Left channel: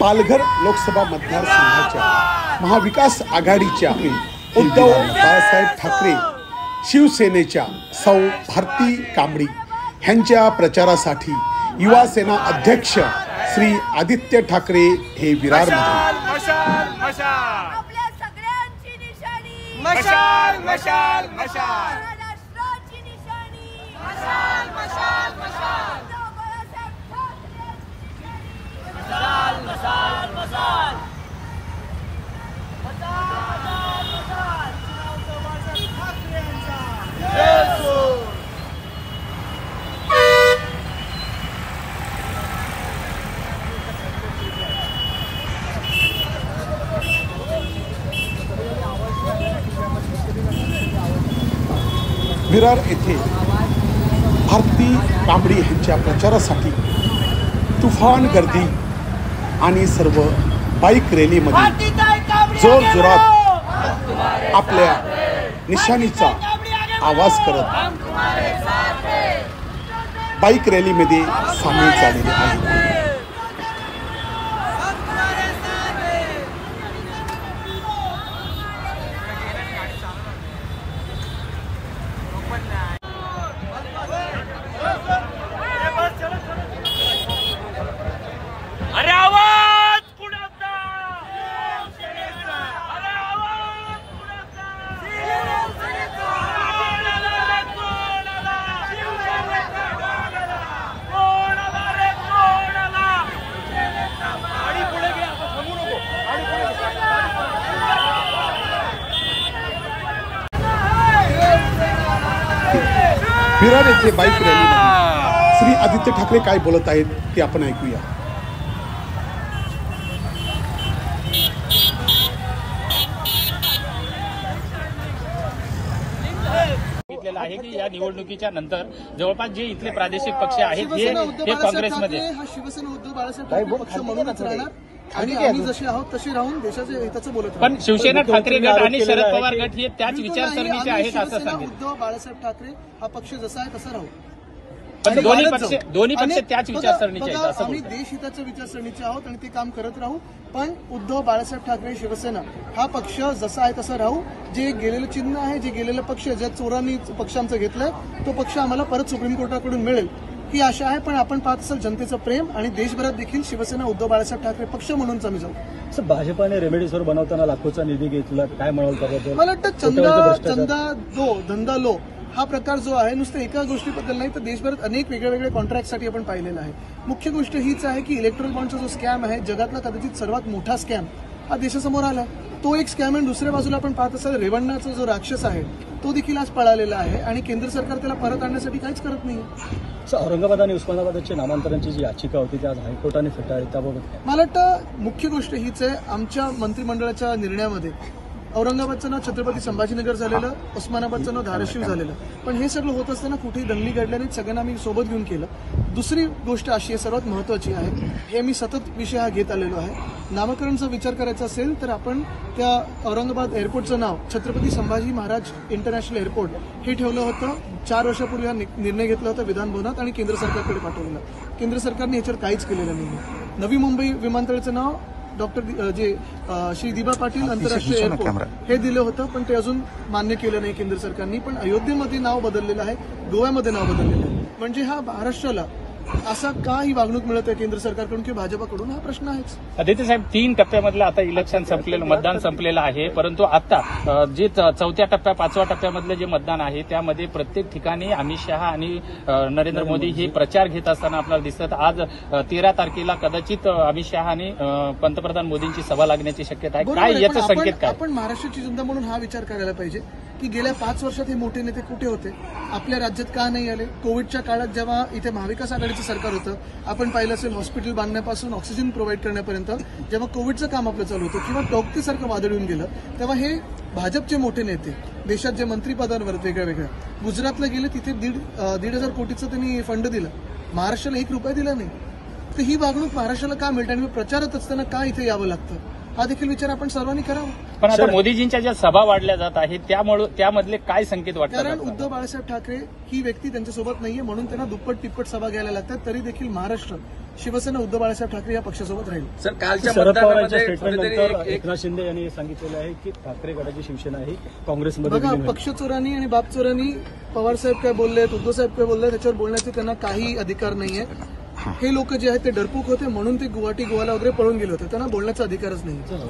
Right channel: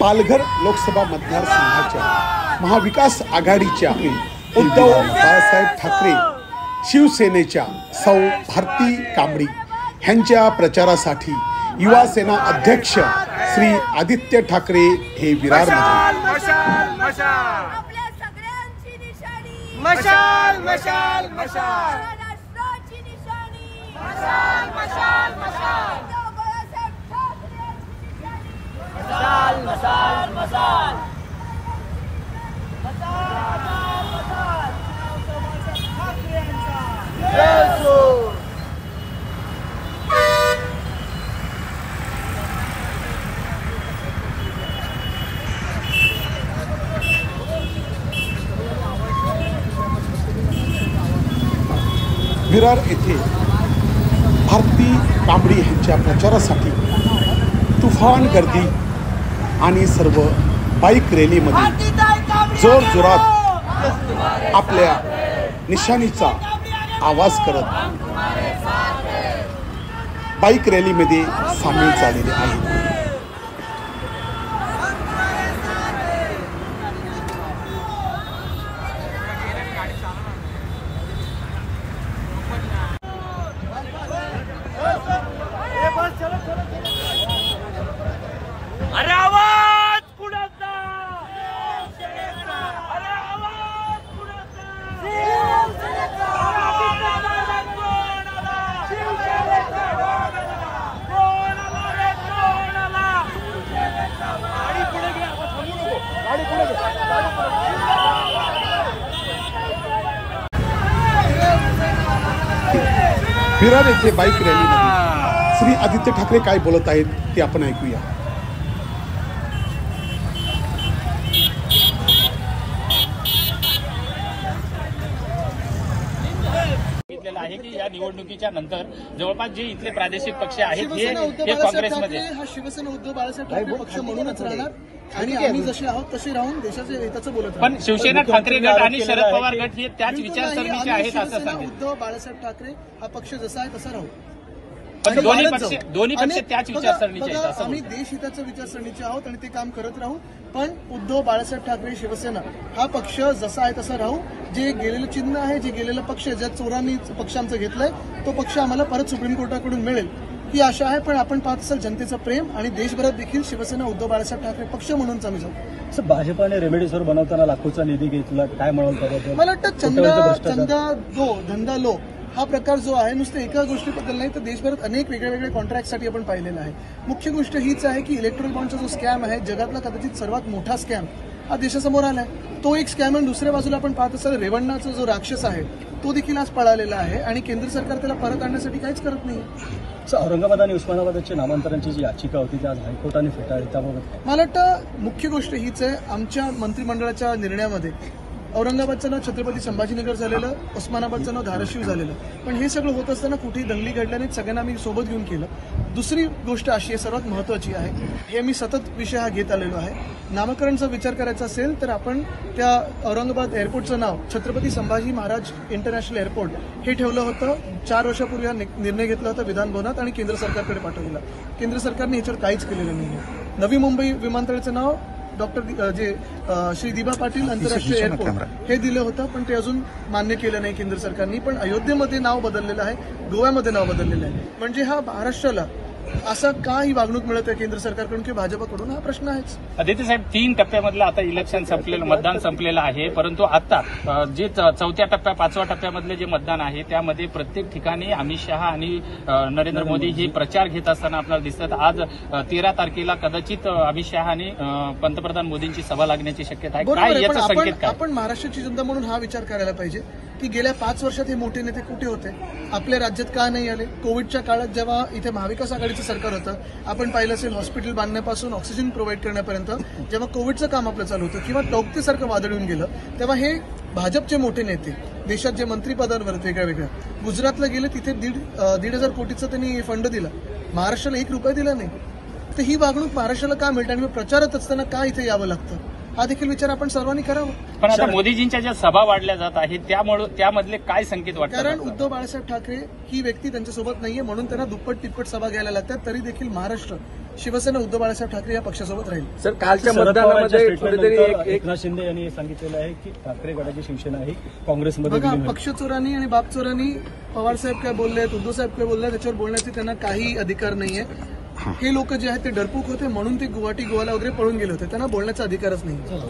पालघर लोकसभा मतदारसंघाच्या महाविकास आघाडीच्या उद्धव बाळासाहेब ठाकरे शिवसेनेच्या सौ भारती कांबडी यांच्या प्रचारासाठी युवा सेना अध्यक्ष श्री आदित्य ठाकरे हे विरारमध्ये विरार येथे भारती कांबडी यांच्या प्रचारासाठी तुफान गर्दी आणि सर्व बाईक रॅलीमध्ये जोरजोरात आपल्या निशाणीचा आवाज करत बाईक रॅलीमध्ये सामील झालेले आहेत. विरार येथे बाईक रॅलीमध्ये श्री आदित्य ठाकरे काय बोलत आहेत ते आपण ऐकूया. या निवडणुकीच्या नंतर जवळपास जे इथले प्रादेशिक पक्ष आहेत हे काँग्रेसमध्ये शिवसेना उद्धव बाळासाहेब ठाकरे पक्ष म्हणूनच राहणार आणि आम्ही जसे आहोत तसे राहून देशाच्या हिताचं बोलत पण शिवसेना ठाकरे गट आणि शरद पवार गट हे त्याच विचारसरणीचे आहेत असं सांगेल. उद्धव बाळासाहेब ठाकरे हा पक्ष जसा आहे तसा राहू. पण दोन्ही पक्ष त्याच विचारसरणीचे आहेत असं आम्ही देश हिताच्या विचारसरणीचे आहोत आणि ते काम करत राहू. पण उद्धव बाळासाहेब ठाकरे शिवसेना हा पक्ष जसा आहे तसा राहू. जे गेलेलं चिन्ह आहे, जे गेलेलं पक्ष ज्या चोरांनी पक्ष आमचा घेतलाय तो पक्ष आम्हाला परत सुप्रीम कोर्टाकडून मिळेल ही आशा आहे. पण आपण पाहत असाल जनतेचं प्रेम आणि देशभरात देखील शिवसेना उद्धव बाळासाहेब ठाकरे पक्ष म्हणूनच आम्ही जाऊ. भाजपाने रेमेडिसिव्हिर बनवताना लाखोचा निधी घेतला, काय म्हणाल? मला वाटतं धंदा लो हा प्रकार जो आहे नुसतं एका गोष्टीबद्दल नाही तर देशभरात अनेक वेगळ्या कॉन्ट्रॅक्टसाठी आपण पाहिलेला आहे. मुख्य गोष्ट हीच आहे की इलेक्ट्रॉनिक बॉन्डचा जो स्कॅम आहे जगातला कदाचित सर्वात मोठा स्कॅम हा देशासमोर आलाय. तो एक स्कॅम आहे. दुसऱ्या बाजूला आपण पाहत असाल रेवण्णाचा जो राक्षस आहे तो देखील आज पळालेला आहे आणि केंद्र सरकार त्याला परत आणण्यासाठी काहीच करत नाही. औरंगाबाद आणि उस्मानाबादच्या नामांतरांची जी याचिका होती त्या हायकोर्टाने फेटाळली त्याबाबत मला वाटतं मुख्य गोष्ट हीच आहे. आमच्या मंत्रिमंडळाच्या निर्णयामध्ये औरंगाबादचं नाव छत्रपती संभाजीनगर झालेलं, उस्मानाबादचं नाव धाराशिव झालेलं. पण हे सगळं होत असताना कुठेही दंगली घडल्या नाहीत. सगळ्यांना आम्ही सोबत घेऊन केलं. दुसरी गोष्ट अशी आहे सर्वात महत्वाची आहे, हे मी सतत विषय हा घेत आलेलो आहे. नामकरणचा विचार करायचा असेल तर आपण त्या औरंगाबाद एअरपोर्टचं नाव छत्रपती संभाजी महाराज इंटरनॅशनल एअरपोर्ट हे ठेवलं होतं. 4 वर्षापूर्वी हा निर्णय घेतला होता विधान भवनात आणि केंद्र सरकारकडे पाठवलेला. केंद्र सरकारने ह्याच्यावर काहीच केलेलं नाही. नवी मुंबई विमानतळाचं नाव श्री दिबा पाटील आंतरराष्ट्रीय एअरपोर्ट हे दिलं होतं पण ते अजून मान्य केलं नाही केंद्र सरकारने. पण अयोध्येमध्ये नाव बदललेलं आहे, गोव्यामध्ये नाव बदललेलं आहे. म्हणजे हा महाराष्ट्राला असा का ही वागणूक मिळत आहे केंद्र सरकारकडून किंवा भाजपाकडून हा प्रश्न आहेच. आदित्य साहेब 3 टप्प्यामधलं आता इलेक्शन संपलेलं, मतदान संपलेलं आहे. परंतु आता जे 4थ्या टप्प्या 5व्या टप्प्यामधलं जे मतदान आहे त्यामध्ये प्रत्येक ठिकाणी अमित शहा आणि नरेंद्र मोदी हे प्रचार घेत असताना आपल्याला दिसतात. आज 13 तारखेला कदाचित अमित शहा आणि पंतप्रधान मोदींची सभा लागण्याची शक्यता आहे. काय याचा संकेत काय? आपण महाराष्ट्राची जनता म्हणून हा विचार करायला पाहिजे की गेल्या 5 वर्षात हे मोठे नेते कुठे होते, आपल्या राज्यात का नाही आले. कोविडच्या काळात जेव्हा इथे महाविकास आघाडी आघाडीचं सरकार होतं. आपण पाहिलं असेल हॉस्पिटल बांधण्यापासून ऑक्सिजन प्रोव्हाइड करण्यापर्यंत जेव्हा कोविडचं काम आपलं चालू होतं किंवा टोकतेसारखं वादळ येऊन गेलं तेव्हा हे भाजपचे मोठे नेते देशात जे मंत्रिपदांवर वेगळ्या वेगळ्या गुजरातला गेले तिथे 1,500 कोटीचं त्यांनी फंड दिला. महाराष्ट्राला ₹1 दिला नाही. तर ही वागणूक महाराष्ट्राला का मिळते आणि प्रचारात असताना का इथे यावं लागतं हा देखील विचार आपण सर्वांनी करावा. पण आता मोदीजींच्या ज्या सभा वाढल्या जात आहेत त्यामुळे त्यामधले काय संकेत वाटतात? कारण उद्धव बाळासाहेब ठाकरे ही व्यक्ती त्यांच्यासोबत नाहीये म्हणून त्यांना दुप्पट तिप्पट सभा घ्यायला लागतात. तरी देखील महाराष्ट्र शिवसेना उद्धव बाळासाहेब ठाकरे या पक्षासोबत राहील. सर कालच्या शरद पवारांच्या मतदानामध्ये कुठेतरी स्टेटमेंटनंतर एकनाथ शिंदे यांनी सांगितलेलं आहे की ठाकरे गटाची शिवसेना ही काँग्रेसमध्ये बघा विलीन होईल. पक्ष चोरांनी आणि बाप चोरांनी पवारसाहेब काय बोललेत उद्धवसाहेब काय बोलले त्याच्यावर बोलण्याचे त्यांना काही अधिकार नाहीये. हे लोक जे आहेत ते डरपूक होते म्हणून ते गुवाहाटी गोवाला वगैरे पळून गेले होते. त्यांना बोलण्याचा अधिकारच नाही.